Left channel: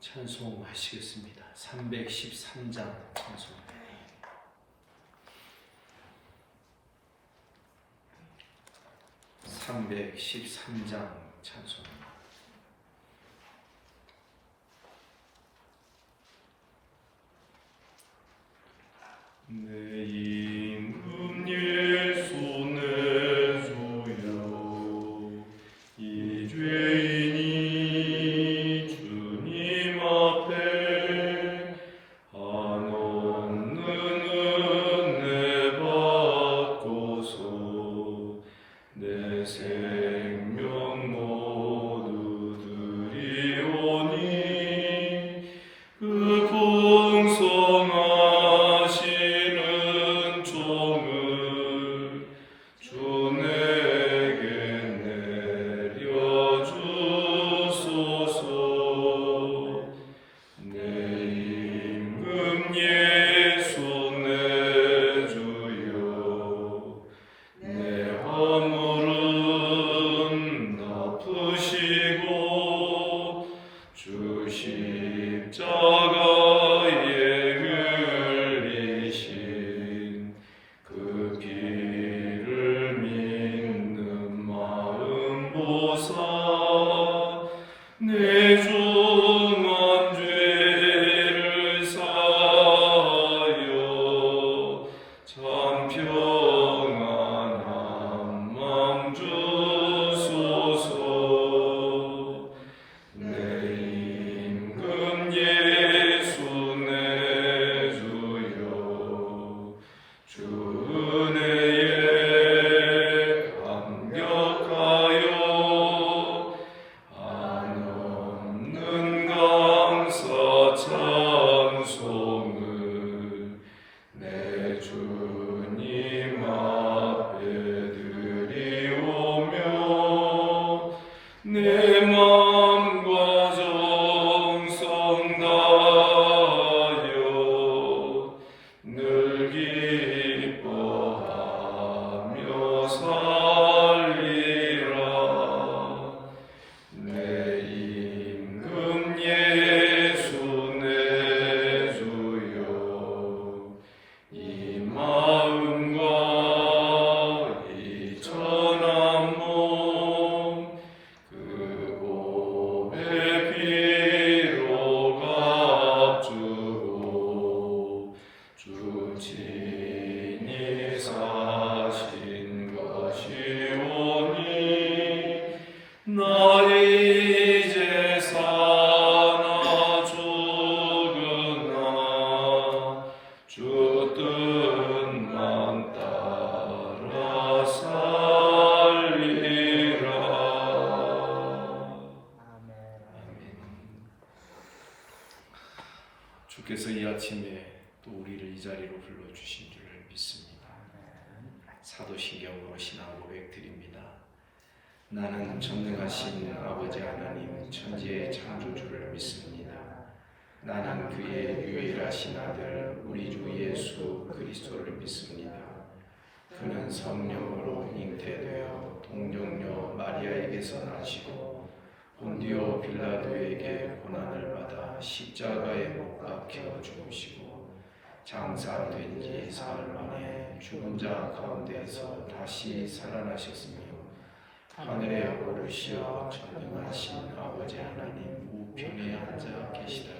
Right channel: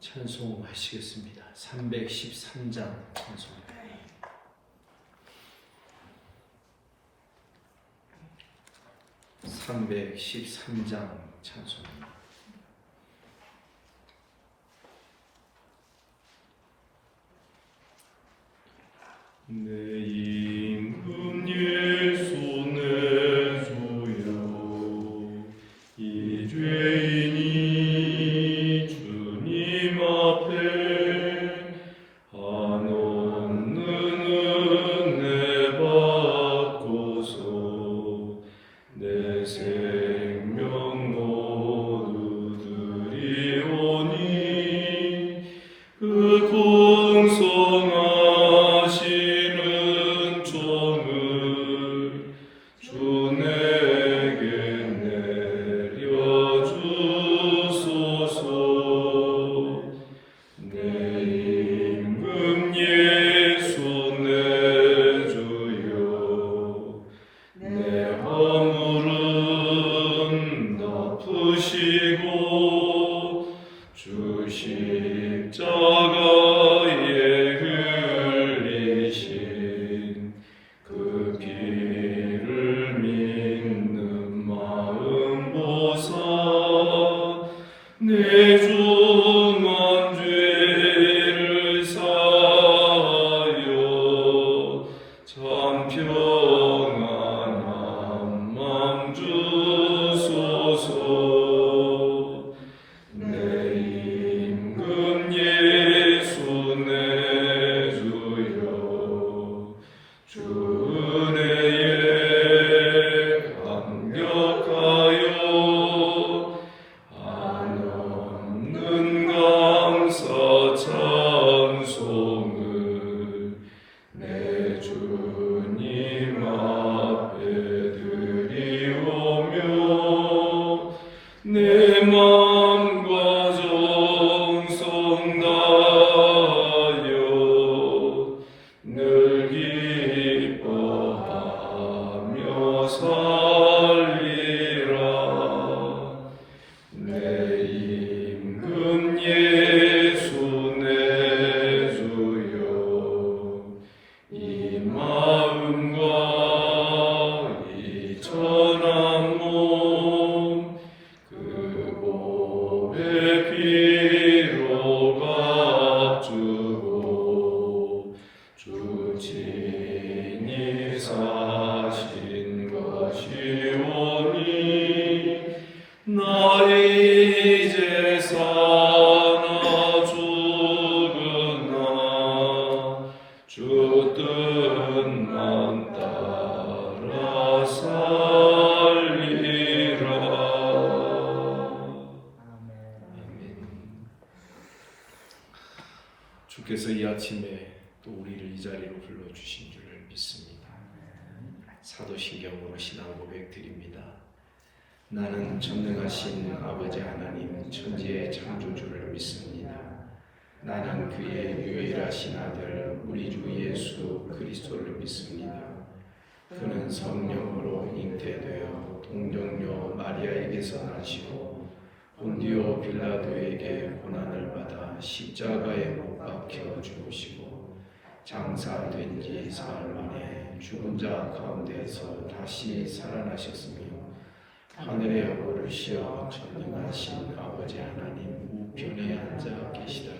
찬송하시겠습니다. 313장 찬송입니다. 내 임금 예수 내 주여, 이 죄인이 주님 앞에 한없는 은혜 받고서 내 생명 모두 드리오니 그 풍성하시는 종을 주 내게 내려주소서. 내 임금 예수 내 주여, 내 허물은 덮으시고 주 십자가에 흘리신 그 피를 믿는 마음 보사 내 중한 죄를 사하여 참 평안한 맘 주소서. 내 임금 예수 내 주여, 주 은혜에 감격하여 한없는 감사 찬송을 내 주님 앞에 드리오며 내 마음과 정성 다하여 늘 기뻐하며 살리라. 내 임금 예수 내 주여, 이 마음과 이 천한 몸 그 보배 피로 값주고 주 친히 사신 것이오니 나 이제 사나 죽으나 주 뜻만 따라 살리라. 주께서 이 아침에 또 우리를 이 자리로 불러주신 줄을 믿습니다. 사도신경으로 신앙 고백 드립니다. 나는 전능하신 아버지 하나님 천지의 창조주를 믿습니다. 나는 그의 유일하신 아들 우리 주 예수 그리스도를 믿습니다. 그는 성령으로 잉태되어 동정녀 마리아에게서 나시고 본디오 빌라도에게 고난을 받아 십자가에 못 박혀 죽으시고 장사된 지 사흘 만에 죽은 자 가운데에서 다시 살아나셨으며 하늘에 오르시어 전능하신 아버지 하나님 우편에 앉아 계시다가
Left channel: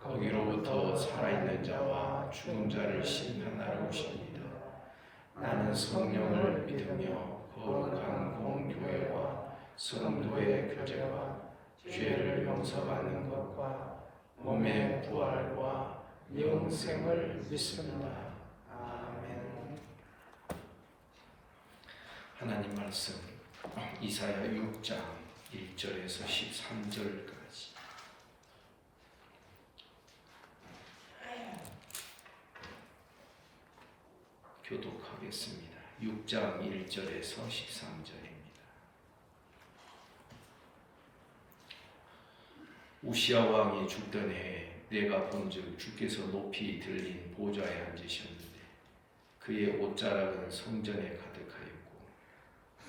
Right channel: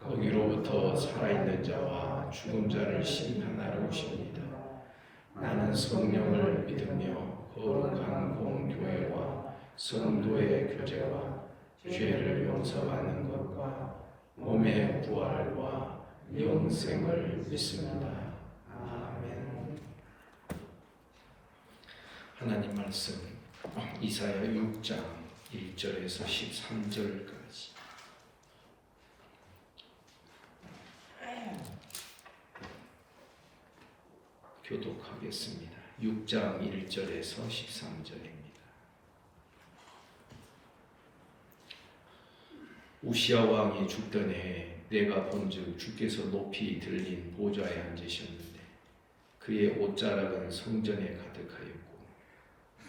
거기로부터 살아있는 자와 죽은 자를 심판하러 오십니다. 나는 성령을 믿으며 거룩한 공교회와 성도의 교제와 죄를 용서받는 것과 몸의 부활과 영생을 믿습니다. 아멘. 하나님 말씀 이사야 6장 1절에서 13절까지 교독하겠습니다. 6장 1절에서 13절입니다. 우시야 왕이 죽던 해에 내가 본즉 주께서 높이 들린 보좌에 앉으셨는데 그의 옷자락은 성전에 가득하였고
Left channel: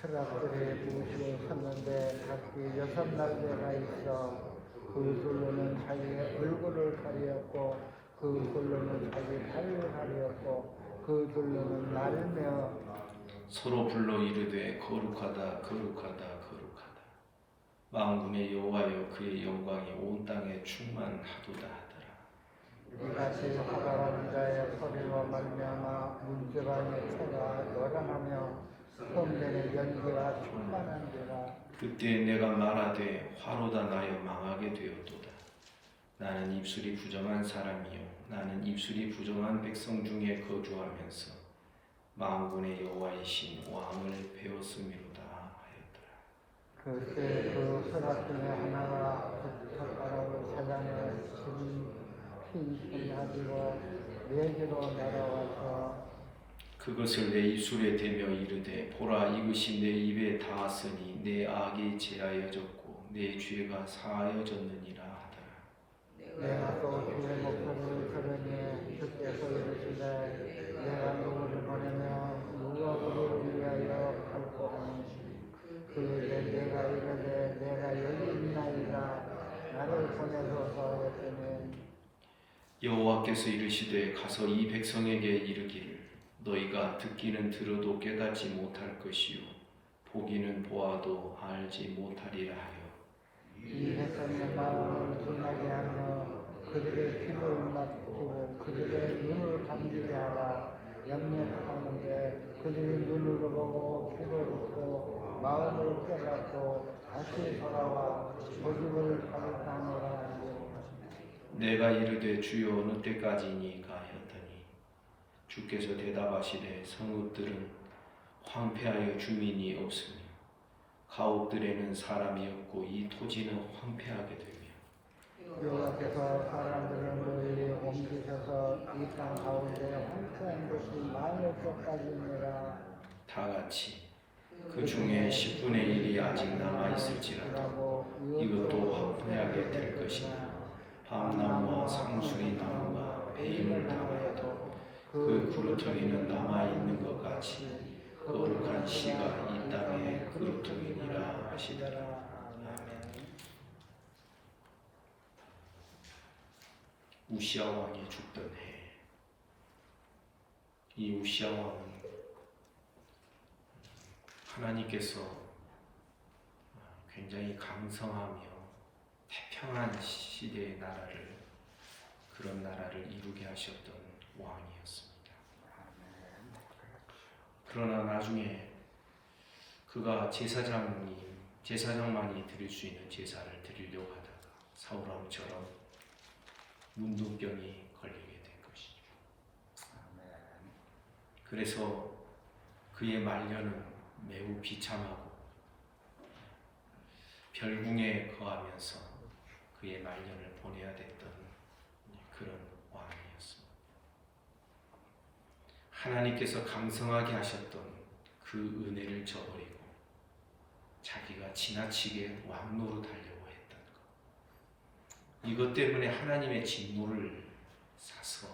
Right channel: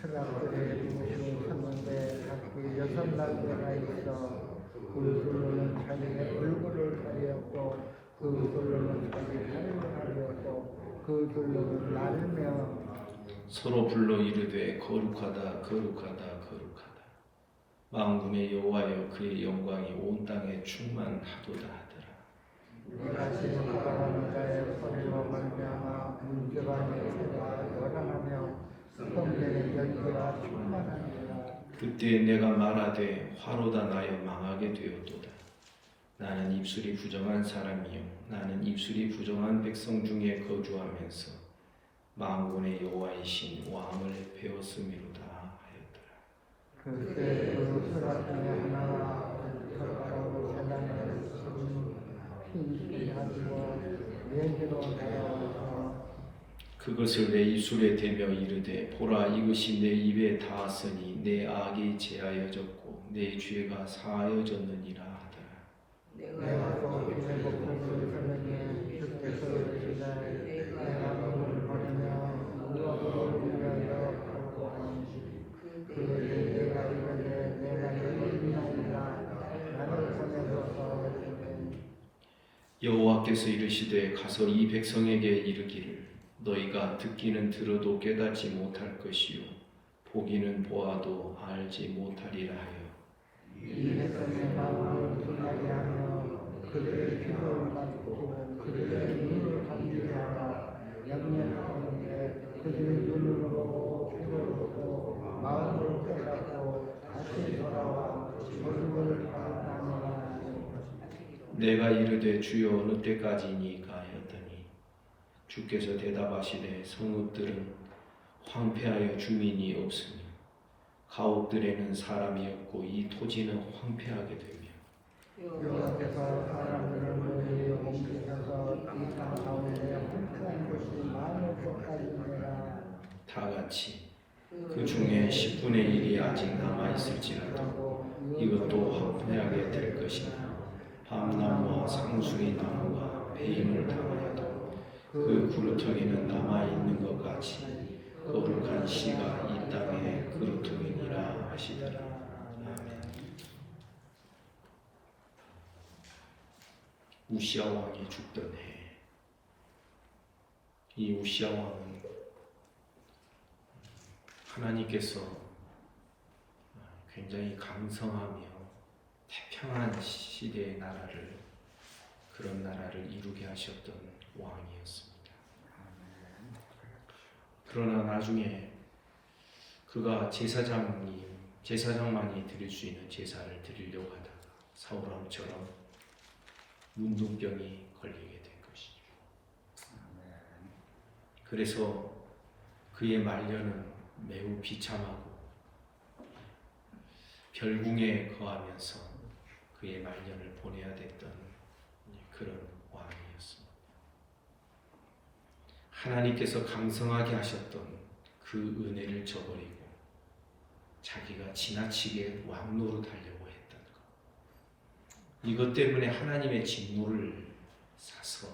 스나들을 모시고 갔는데 그 여섯 나라가 있어 그 주로는 서로 불러 이르되 거룩하다 거룩하다 거룩하다. 만군의 여호와여 그의 영광이 온 땅에 충만하도다 하더라. 내가 지금 바라는 자의 소리로 말미암아 문지방의 새가 열어나며 성전의 연기가 충만하니라. 그때 내가 말하되 화로다 나여 망하게 되었도다. 나는 입술이 부정한 사람이요 나는 입술이 부정한 백성 중에 거주하면서 만군의 여호와이신 왕을 배웠음이로다 하였더라. 그때 그 수라 중에 하나가 젓가락으로 사냥을 핀 가지고 왼지로 날아와서 그것을 내 입술에 대며 이르되 보라 이것이 내 입에 닿았으니 내 악이 제하여졌고 내 죄가 사하여졌느니라 하더라. 내가 또 그의 목소리를 들으니 주께서 이르시되 내가 너를 보내면 무엇으로 위하여 하고 하는지 그에게 내가 이르되 내가 여인이나이다 나를 살려줘서 이르되 여호와께서 이르시되 가서 이 백성에게 이르기를 너희가 듣기는 들어도 깨닫지 못할 것이요 보기는 보아도 알지 못하리라 하여 이 백성의 마음을 분하게 하며 그들의 힘을 받고 그들의 눈을 감게 하라 염려하는데 그들의 눈으로 보고 귀를 보고 마음으로 깨닫고 다시 돌아와 주님을 바라보라. 내가 이르되 주여 어느 때까지니까 하였더니 주께서 대답하시되 성읍들은 황폐하여 주민이 없으며 가옥들에는 사람이 없고 이 토지는 황폐하게 되며 여호와께서 사람들을 옮기셔서 이 땅 가운데 한평 곳이 많을 것까지니라. 다 같이 그 중에 10분의 1이 아직 남아있을지라도 이것도 황폐하게 될 것이나 밤나무와 상수리 나무가 배임을 당하여도 그 구루텅이는 남아있는 것 같이 거룩한 씨가 이 땅의 그루텅이니라 하시더라. 아멘. 우시아 왕이 죽던 해, 이 우시아 왕은 하나님께서 굉장히 강성하며 태평한 시대의 나라를 그런 나라를 이루게 하셨던 왕이었습니다. 그러나 나중에 그가 제사장만이 드릴 수 있는 제사를 드리려고 하다가 사울왕처럼 문둥병이 걸리게 된 것이죠. 그래서 그의 말년은 매우 비참하고 별궁에 거하면서 그의 말년을 보내야 됐던 그런 왕이었습니다. 하나님께서 강성하게 하셨던 그 은혜를 저버리고 자기가 지나치게 왕 노릇하려고 했던 것, 이것 때문에 하나님의 진노를 사서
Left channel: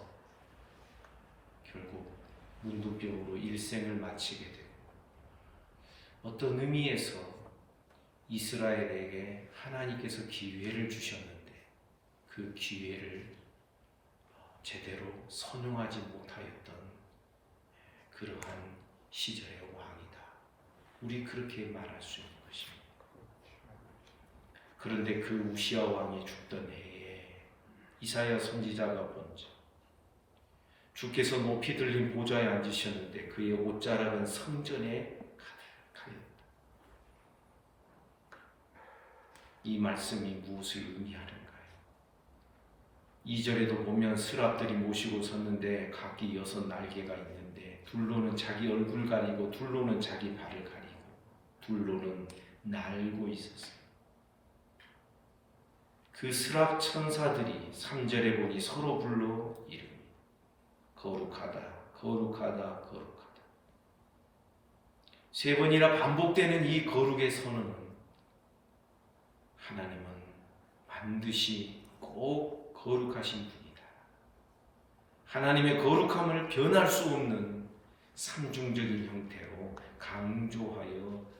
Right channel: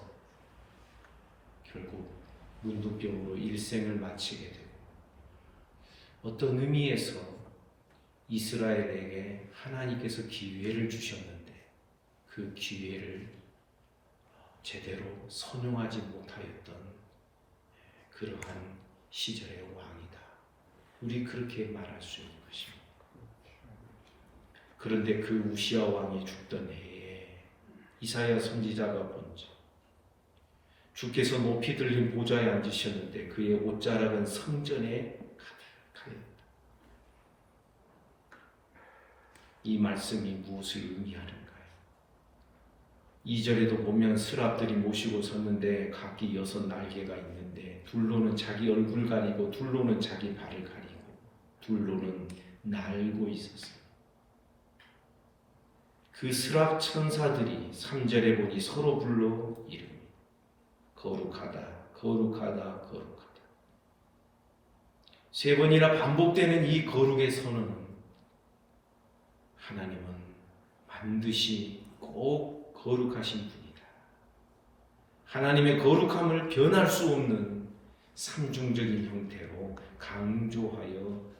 결국 문둥병으로 일생을 마치게 되고, 어떤 의미에서 이스라엘에게 하나님께서 기회를 주셨는데 그 기회를 제대로 선용하지 못하였던 그러한 시절의 왕이다. 우리 그렇게 말할 수 있는 것입니다. 그런데 그 우시아 왕이 죽던 해에 이사야 선지자가 먼저 주께서 높이 들린 보좌에 앉으셨는데 그의 옷자락은 성전에 가득하였다. 이 말씀이 무엇을 의미하는가요? 2절에도 보면 스랍들이 모시고 섰는데 각기 6 날개가 있는데 둘로는 자기 얼굴 가리고 둘로는 자기 발을 가리고 둘로는 날고 있었어요. 그 스랍 천사들이 3절에 보니 서로 불러 이르니 거룩하다 거룩하다 거룩하다. 3번이나 반복되는 이 거룩의 선언은 하나님은 반드시 꼭 거룩하신 분이다. 하나님의 거룩함을 변할 수 없는 상중적인 형태로 강조하여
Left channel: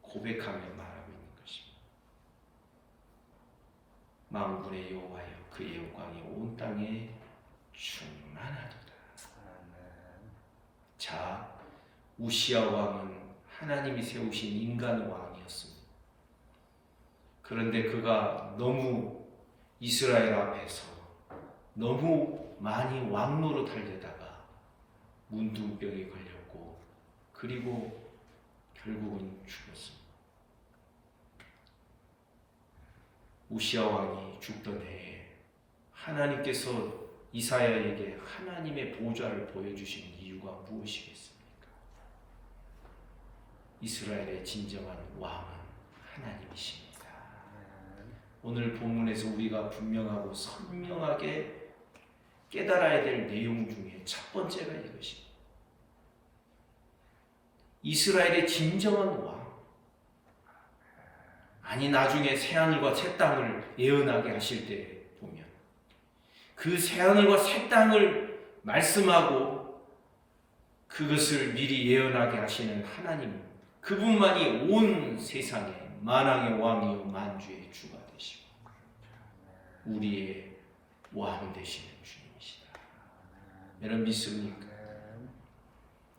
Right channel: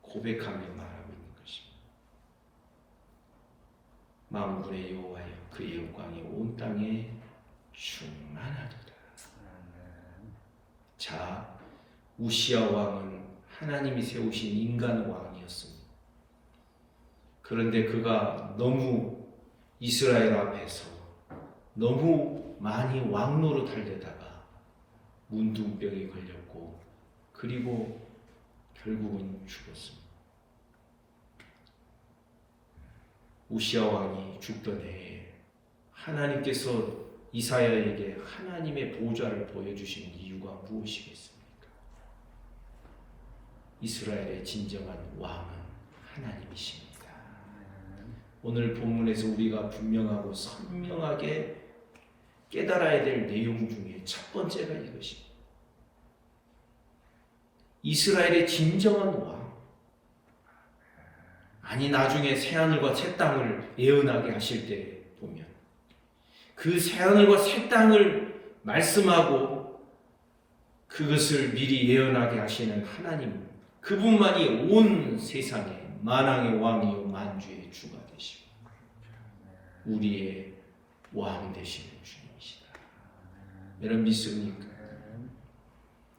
고백하며 말하고 있는 것입니다. 만군의 여호와여 그의 영광이 온 땅에 충만하도다. 자, 우시야 왕은 하나님이 세우신 인간 왕이었습니다. 그런데 그가 너무 이스라엘 앞에서 너무 많이 왕노로 달려다가 문둥병에 걸렸고 그리고 결국은 죽었습니다. 우시야 왕이 죽던 해에 하나님께서 이사야에게 하나님의 보좌를 보여주신 이유가 무엇이겠습니까? 이스라엘의 진정한 왕은 하나님이십니다. 오늘 본문에서 우리가 분명하고 선명하게 깨달아야 될 내용 중에 첫 번째가 이것입니다. 이스라엘의 진정한 왕. 아니 나중에 새하늘과 새 땅을 예언하게 하실 때 보면 그 새하늘과 새 땅을 말씀하고 그것을 미리 예언하게 하시는 하나님, 그분만이 온 세상에 만왕의 왕이요 만주의 주가 되시고 우리의 왕 되시는 주님이시다. 여러분 믿습니까?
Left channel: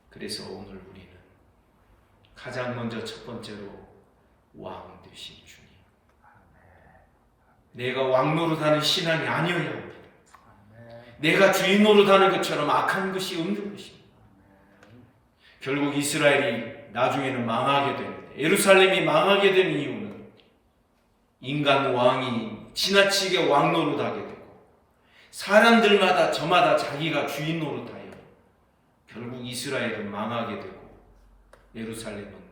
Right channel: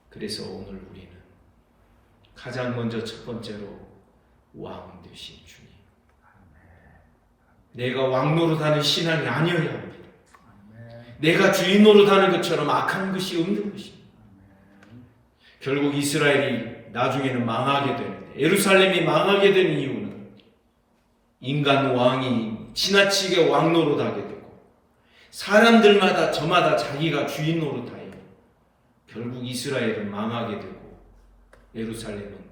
그래서 오늘 우리는 가장 먼저 첫 번째로 왕 되신 주님, 내가 왕 노릇하는 신앙이 아니어야 합니다. 내가 주인 노릇하는 것처럼 악한 것이 없는 것입니다. 결국 이스라엘이 나중에는 망하게 됩니다. 예루살렘이 망하게 된 이유는 인간 왕이 지나치게 왕 노릇하게 되고 사람들마다 저마다 자기가 주인 노릇하여 결국 이스라엘은 망하게 되고 예루살렘은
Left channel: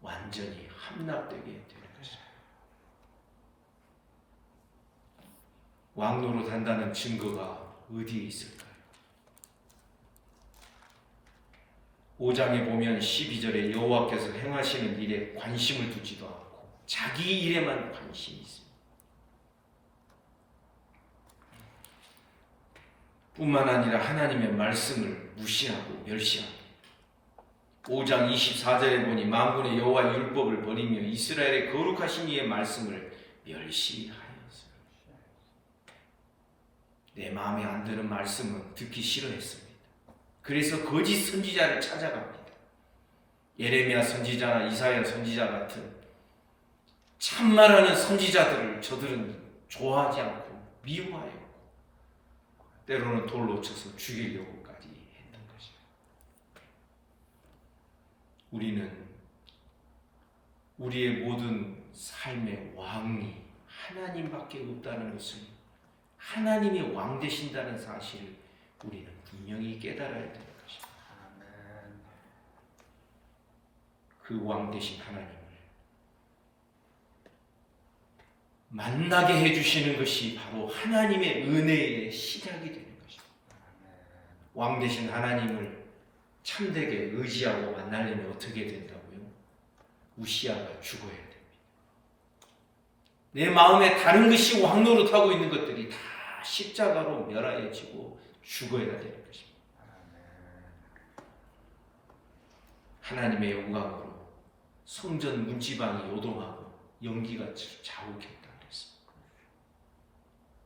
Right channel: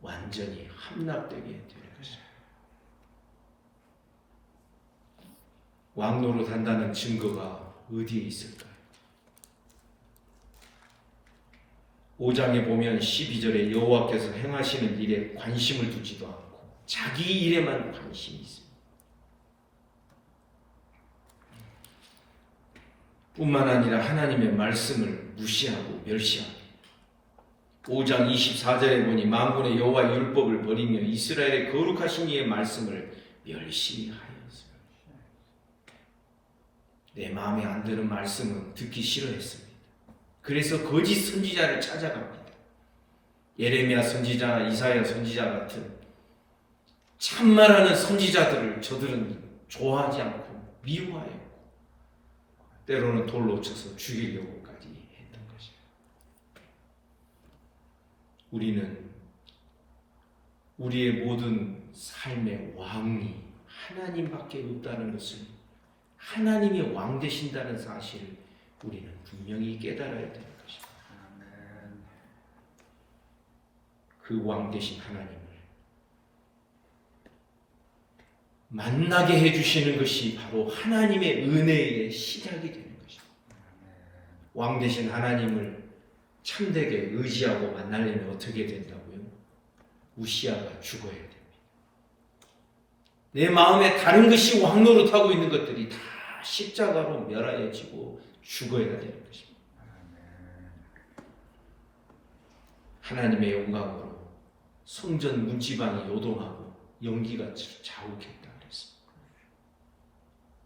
완전히 함락되게 되는 것입니다. 왕 노릇한다는 증거가 어디에 있을까요? 5장에 보면 12절에 여호와께서 행하시는 일에 관심을 두지도 않고 자기 일에만 관심이 있습니다. 뿐만 아니라 하나님의 말씀을 무시하고 멸시합니다. 5장 24절에 보니 만군의 여호와 율법을 버리며 이스라엘의 거룩하신 이의 말씀을 멸시하였어요. 내 마음에 안 드는 말씀은 듣기 싫어했습니다. 그래서 거짓 선지자를 찾아갑니다. 예레미야 선지자나 이사야 선지자 같은 참말하는 선지자들을 저들은 좋아하지 않고 미워하였고 때로는 돌로 쳐서 죽이려고까지 했던 것입니다. 우리는 우리의 모든 삶의 왕이 하나님밖에 없다는 것을, 하나님이 왕 되신다는 사실을 우리는 분명히 깨달아야 되는 것입니다. 그 왕 되신 하나님을 만나게 해주시는 것이 바로 하나님의 은혜의 시작이 되는 것입니다. 왕 되신 하나님을 참되게 의지하고 만나려면 어떻게 된다고요? 우시야가 죽어야 됩니다. 내 마음에 다른 것이 왕 노릇하고 있는 것들이 다 십자가로 멸하여지고 죽어야 되는 것입니다. 하나님의 영광으로 성전 문지방이 요동하고 연기가 자욱했다 그랬습니다.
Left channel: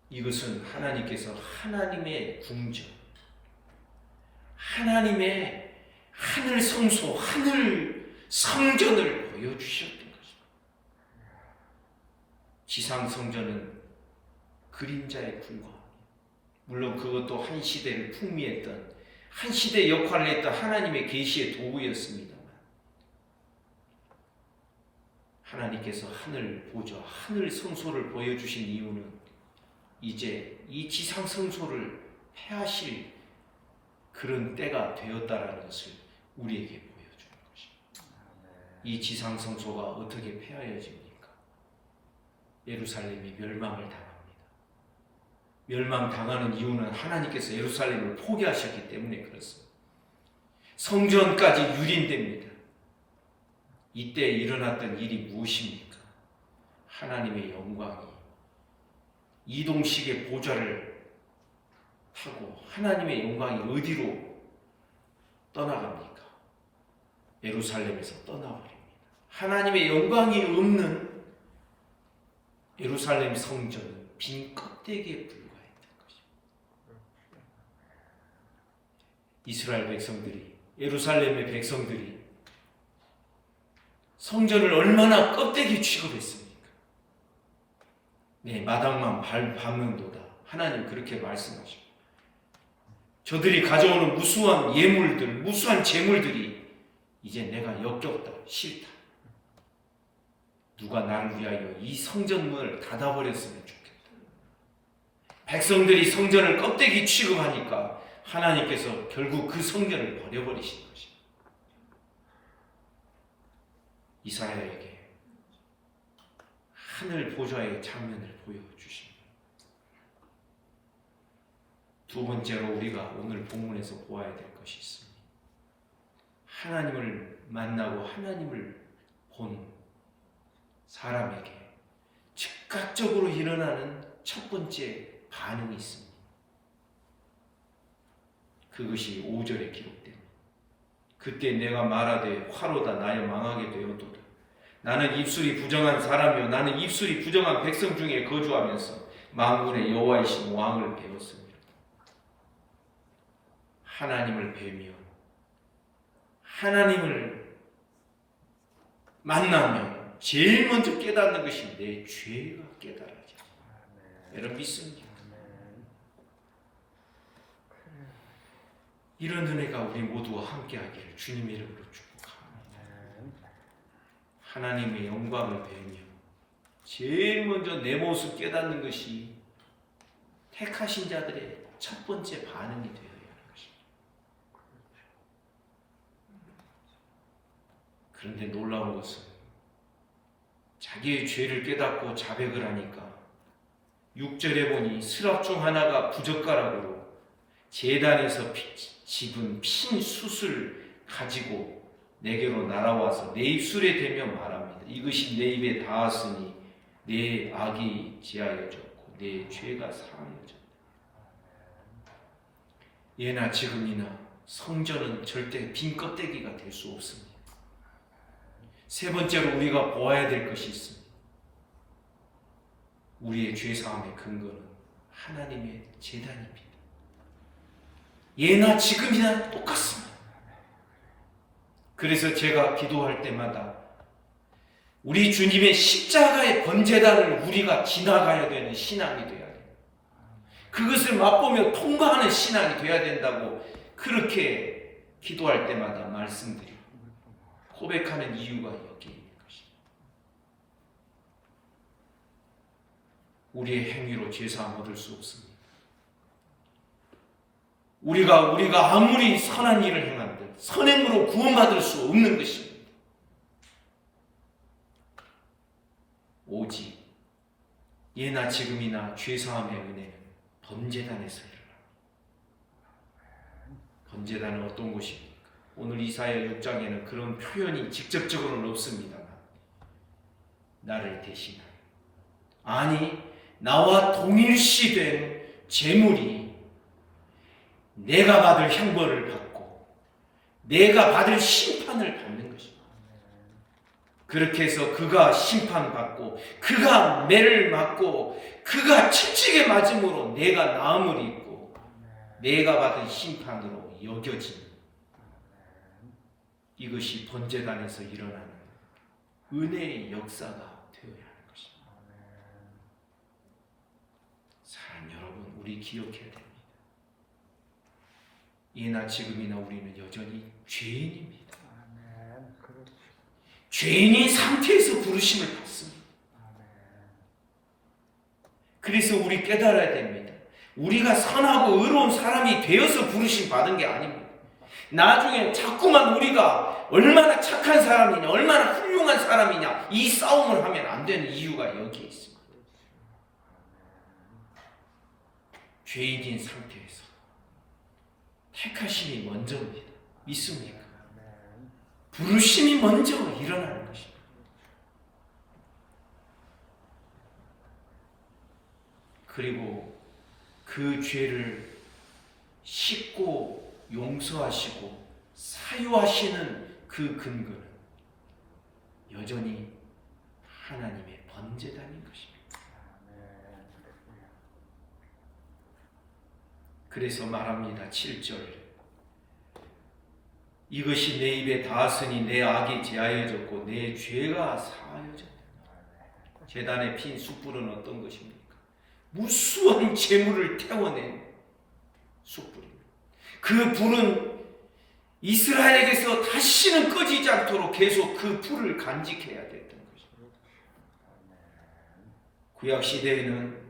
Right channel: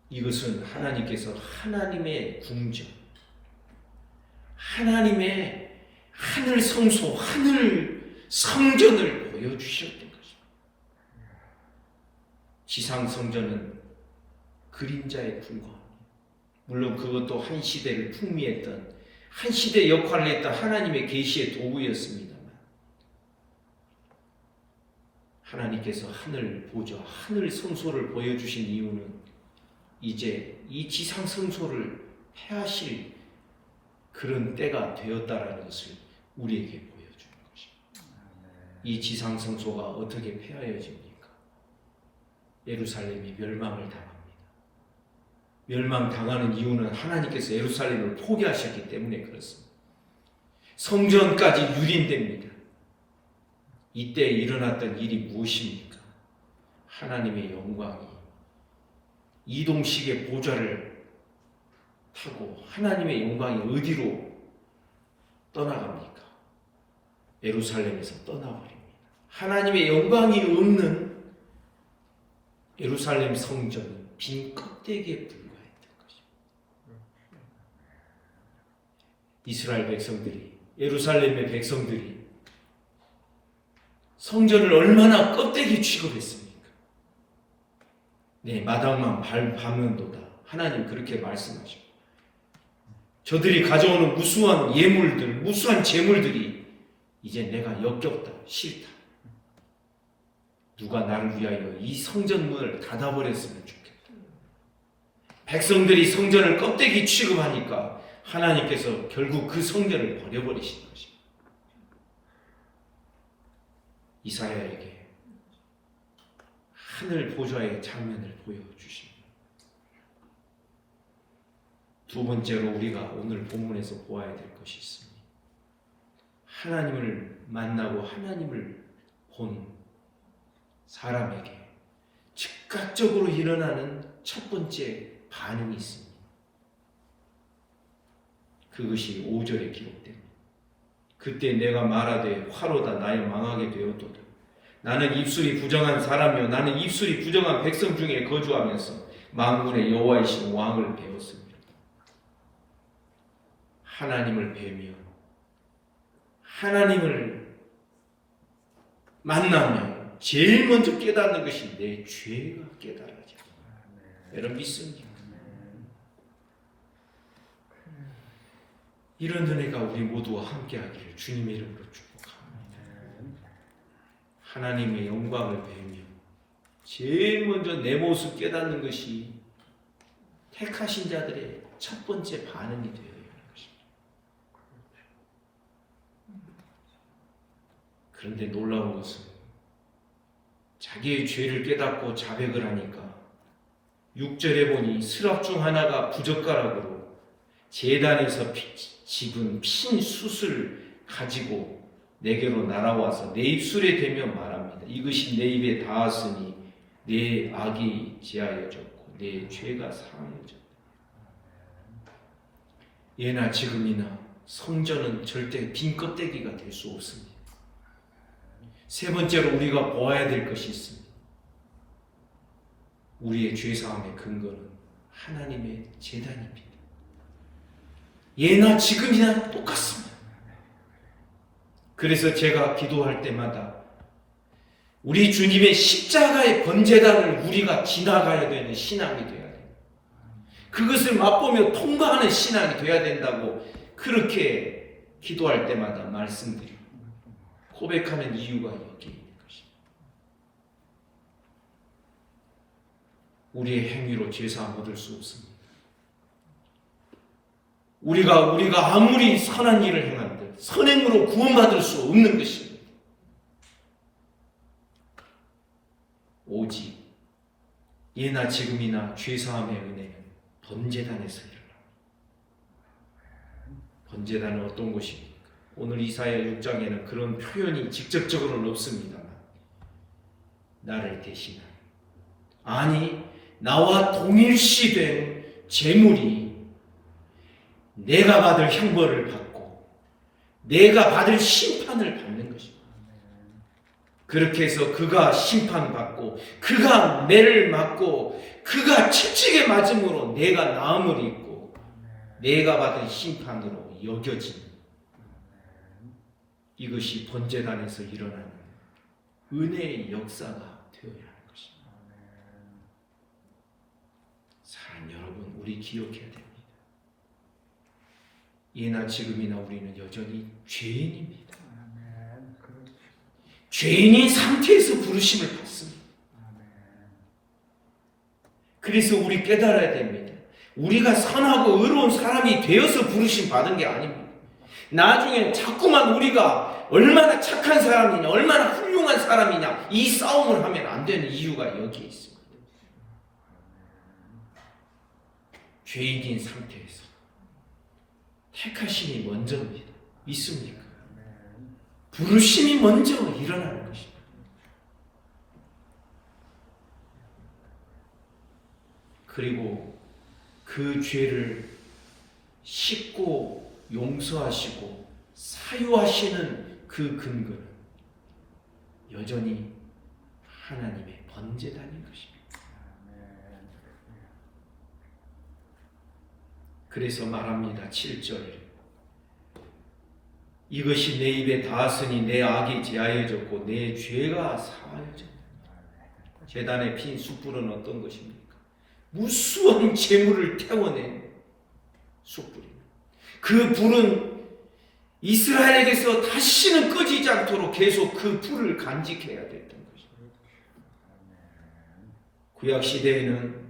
이것은 하나님께서 하나님의 궁전, 하나님의 하늘 성소, 하늘 성전을 보여주셨던 것입니다. 지상 성전은 그림자에 불과합니다. 물론 그것도 한 시대를 풍미했던, 한 시대 역할을 했던 하나님의 계시의 도구였습니다만 하나님께서 하늘 보좌, 하늘 성소를 보여주신 이유는 이제 이 지상 성소를 폐하실 그런 때가 되었다라는 것을 우리에게 보여주는 것입니다. 이 지상 성소가 어떻게 폐하여집니까? 예루살렘이 멸망을 당합니다. 멸망당하는 이유는 하나님께서 예루살렘을 포기하셨기 때문에 그렇습니다. 성전까지 유린됩니다. 이때 일어났던 일이 무엇입니까? 하나님의 영광이 이동식의 보좌를 타고 하나님의 영광이 어디로 떠나갑니까? 예루살렘에서 떠나버립니다. 하나님의 영광이 없는 예루살렘 성전은 빈 껍데기에 불과했던 것입니다. 이스라엘 백성들이 예루살렘의 백성들이 성전을 얼마나 껍데기 취급했습니까? 네, 마당만 밟는도다. 하나님 그렇게 말씀하시고, 저들이 가져오는 무수한 예물들, 무수한 재물들이 이제 내가 역겹다, 싫다. 누가 나를 위하여 이 성전문을 닫아버렸으면 좋겠다. 백성들이 성전을 껍데기 취급하니까 하나님께서 결국 그 성전을 버려버리신 것입니다. 이사야에게 하늘 보좌의 장면을 보여주십니다. 두 번째로 우리가 오늘 본문에서 보아야 될 것이 있습니다. 하나님을 만나고 하나님을 본 사람에게 즉각적으로 일어나는 첫 번째 반응이 있습니다. 그것이 5절에 기록됩니다. 그때 내가 말하되 화로다 나의 망하게 되었도다. 나는 입술이 부정한 사람이요 나는 입술이 부정한 백성 중에 거주하면서 만군의 여호와이신 왕을 배웠습니다. 하나님을 뵈며 하나님을 만나며 제일 먼저 깨닫는 것이 내 죄가 깨달아져. 여러분 믿습니까? 이런 은혜가 우리 모두와 함께하기를 주님의 이름으로 축복합니다. 하나님의 영광을 배우며 제일 먼저 내 모습 깨닫는 것이 택하신 자들의 첫 번째 반응이 되어야 하는 것입니다. 그런데 놀라운 것은 자기의 죄를 깨닫고 자백을 하니까 6절에 보니 스랍 중 하나가 부젓가락으로 제단에서 집은 핀 숯을 가지고 내게로 날아와서 내 입술에 대며 말합니다. 이것이 내 입에 닿았으니 내 악이 제하여졌고 내 죄가 사하여졌다. 예나 지금이나 성전은 절대 빈 껍데기가 될 수 없습니다. 세 번째로 우리가 보아야 될 것이 있습니다. 우리의 죄사함의 근거는 하나님의 제단입니다. 예나 지금이나 똑같습니다. 그래서 제가 기도할 때마다 우리 주님의 십자가의 번제단을 우리가 지나가야 되는 신앙이 되어야 됩니다. 그것을 맛보며 통과하는 신앙이 되어야 된다고 그렇게 기도할 때마다 말씀드리고 고백하는 이유가 여기에 있는 것입니다. 우리의 행위로 죄사함 얻을 수 없습니다. 우리가 아무리 선한 일을 행한들 선행으로 구원받을 수 없는 것입니다. 오직 예나 지금이나 죄사함의 은혜는 번제단에서 일어납니다. 번제단은 어떤 곳입니까? 오늘 이사야 6장에는 그런 표현이 직접적으로는 없습니다만 나를 대신한 아니 나와 동일시된 제물이 내가 받을 형벌을 받고 내가 받을 심판을 받는 것입니다. 그렇게 해서 그가 심판받고 그가 매를 맞고 그가 채찍에 맞음으로 내가 나음을 입고 내가 받은 심판으로 여겨진 이것이 번제단에서 일어나는 은혜의 역사가 되어야 하는 것입니다. 사랑하는 여러분, 우리 기억해야 됩니다. 예나 지금이나 우리는 여전히 죄인입니다. 죄인인 상태에서 부르심을 받습니다. 그래서 우리 깨달아야 됩니다. 우리가 선하고 의로운 사람이 되어서 부르심 받은 게 아닙니다. 나중에 자꾸만 우리가 얼마나 착한 사람이냐, 얼마나 훌륭한 사람이냐 이 싸움을 하면 안 되는 이유가 여기에 있습니다. 죄인인 상태에서 택하심이 먼저입니다. 믿습니까? 부르심이 먼저 일어나는 것입니다. 그리고 그 죄를 씻고 용서하시고 사유하시는 그 근거는 여전히 하나님의 번제단인 것입니다. 그래서 말합니다. 7절 이것이 내 입에 닿았으니 내 악이 제하여졌고 내 죄가 사하여졌다. 제단에 핀 숯불은 어떤 것입니까? 무수한 재물을 태워낸 숯불입니다. 그 불은 이스라엘에게서 다시는 꺼지지 않도록 계속 그 불을 간직해야 됐던 것입니다. 구약 시대에는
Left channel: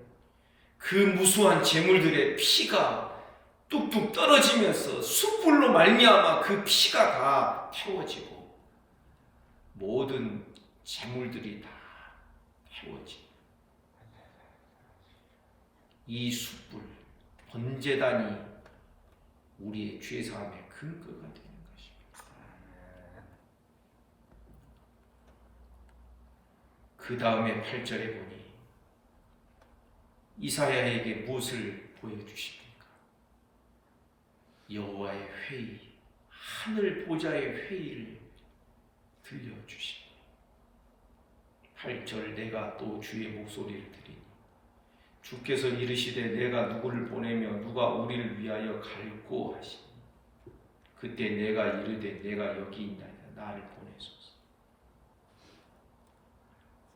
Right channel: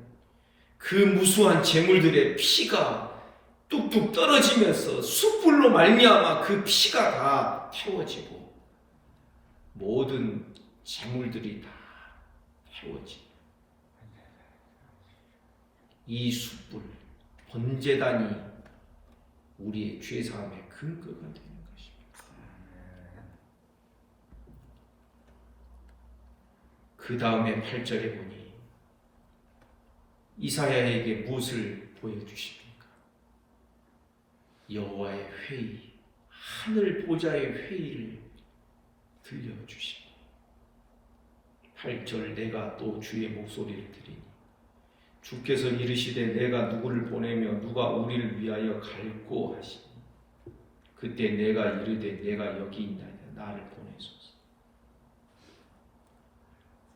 그 무수한 재물들의 피가 뚝뚝 떨어지면서 숯불로 말미암아 그 피가 다 태워지고 모든 재물들이 다 태워지고 이 숯불 번제단이 우리의 죄사함의 근거가 되는 것입니다. 그 다음에 8절에 보니 이사야에게 무엇을 보여주십니까? 여호와의 회의, 하늘 보좌의 회의를 들려주십니다. 8절 내가 또 주의 목소리를 들으니 주께서 이르시되 내가 누구를 보내며 누가 우리를 위하여 갈고 하시니 그때 내가 이르되 내가 여기 있나이다. 나를 보내소서.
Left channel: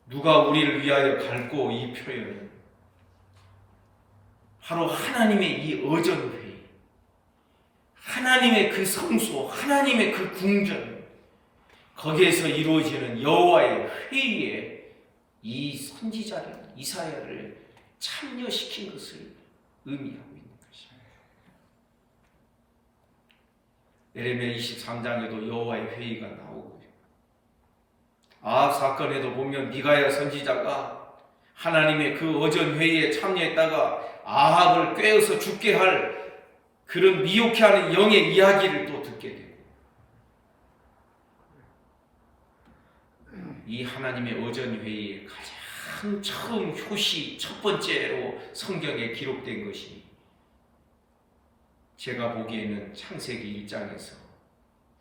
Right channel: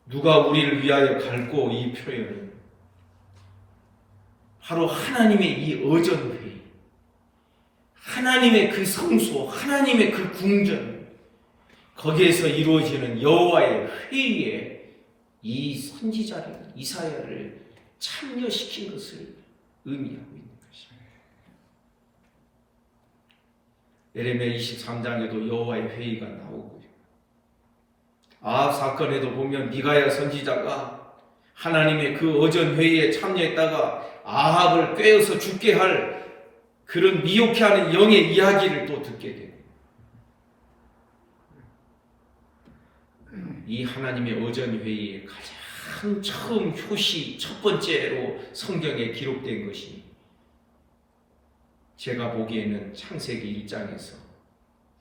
누가 우리를 위하여 갈고 이 표현은 바로 하나님의 이 어전회의, 하나님의 그 성소, 하나님의 그 궁전, 거기에서 이루어지는 여호와의 회의에 이 선지자를, 이사야를 참여시킨 것을 의미하고 있는 것입니다. 예레미야 23장에도 여호와의 회의가 나오고요. 아합 사건에도 보면 미가야 선지자가 하나님의 그 어전 회의에 참여했다가 아합을 꿰어서 죽게 할 그런 미혹해 하는 영의 이야기를 또 듣게 돼요. 이 하나님의 어전 회의에 가장 처음 효시 첫 번째로 성경에 기록된 것이 제가 보기에는 창세기 1장에서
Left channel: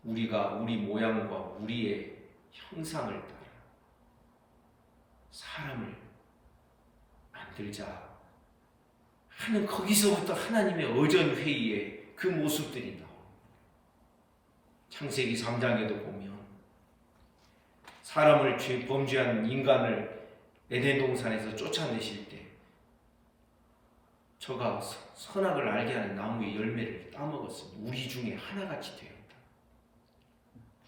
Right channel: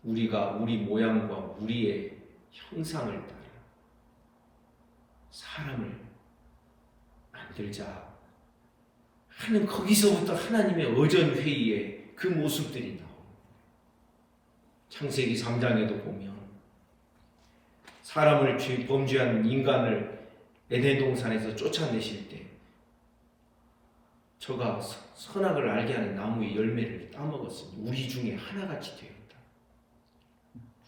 우리가 우리 모양과 우리의 형상을 따라 사람을 만들자 하는 거기서부터 하나님의 어전 회의에 그 모습들이 나옵니다. 창세기 3장에도 보면 사람을 범죄한 인간을 에덴 동산에서 쫓아내실 때 저가 선악을 알게 하는 나무의 열매를 따먹었습니다. 우리 중에 하나같이 되었다.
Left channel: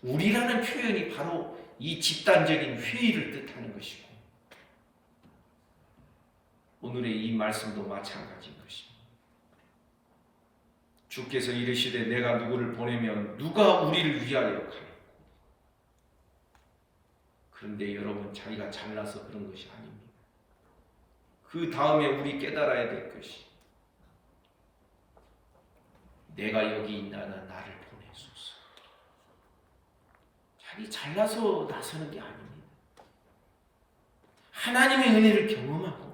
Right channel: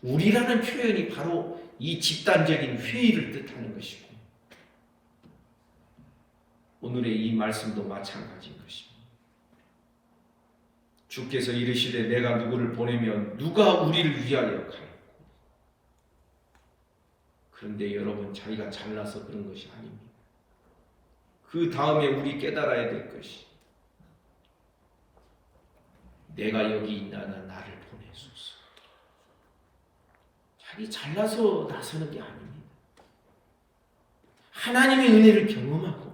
우리라는 표현이 바로 이 집단적인 회의를 뜻하는 것이고 오늘의 이 말씀도 마찬가지인 것입니다. 주께서 이르시되 내가 누구를 보내면 누가 우리를 위하여 갈고. 그런데 여러분 자기가 잘나서 그런 것이 아닙니다. 그 다음에 우리 깨달아야 될 것이 내가 여기 있나나 나를 보내소서. 자기 잘나서 나서는 게 아닙니다. 하나님의 은혜를 경험하고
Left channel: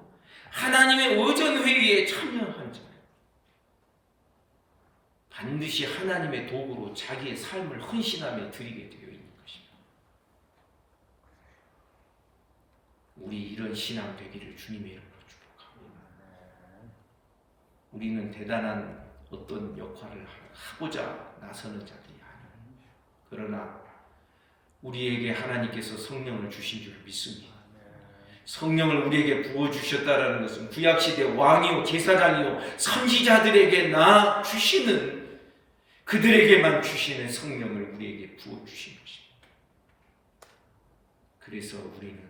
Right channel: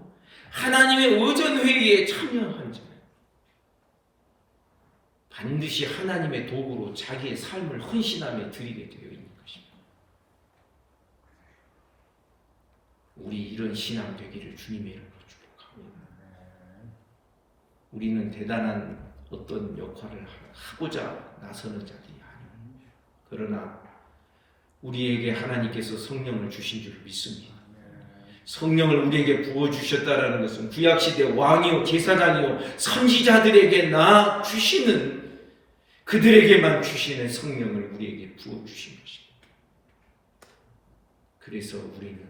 하나님의 어전회의에 참여한 자예요. 반드시 하나님의 도구로 자기의 삶을 헌신하며 드리게 되어 있는 것입니다. 우리 이런 신앙 되기를 주님의 이름으로 축복합니다. 우리는 대단한 어떤 역할을 하고자 나서는 자들이 아닙니다. 그러나 우리에게 하나님께서 성령을 주신 줄 믿습니다. 성령을 우리에게 부어주셨다라는 것은 구약시대 왕이요 제사장이요 선지자들에게 주시는 그들에게만 주시는 성령을 우리에게 부어주신 것입니다. 그래서 우리는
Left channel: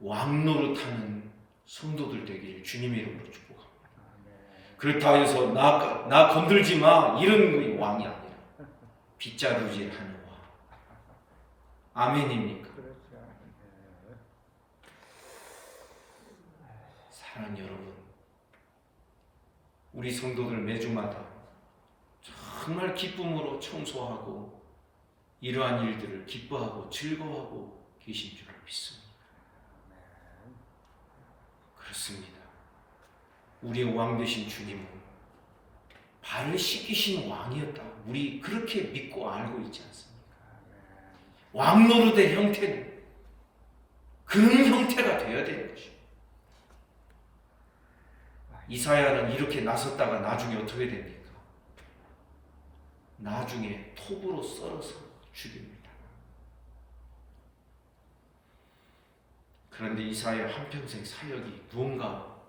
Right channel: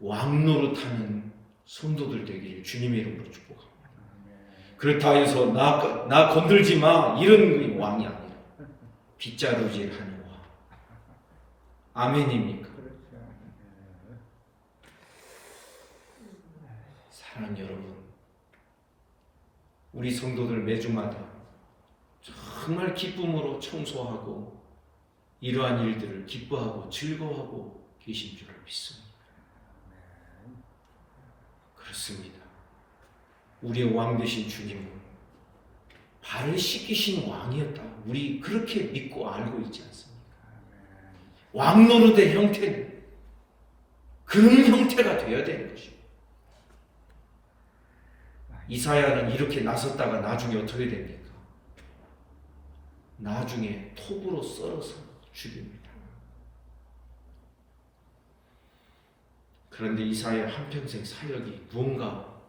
왕노릇하는 성도들 되기를 주님의 이름으로 축복합니다. 그렇다 해서 나 건들지 마 이런 왕이 아니라 빗자루질하는 왕. 아멘입니까? 사랑하는 여러분, 우리 성도들 매주마다 정말 기쁨으로 청소하고 이러한 일들을 기뻐하고 즐거워하고 계신 줄 믿습니다. 그렇습니다. 우리의 왕 되신 주님은 발을 씻기신 왕이었다. 우리 그렇게 믿고 알고 있지 않습니까? 왕 노릇의 형태는 그런 형태가 되어야 되는 것입니다. 이사야는 이렇게 나섰다가 나중에 어떻게 됩니까? 나중에 톱으로 썰어서 죽입니다. 그런데 이사야 한평생 사역이 무언가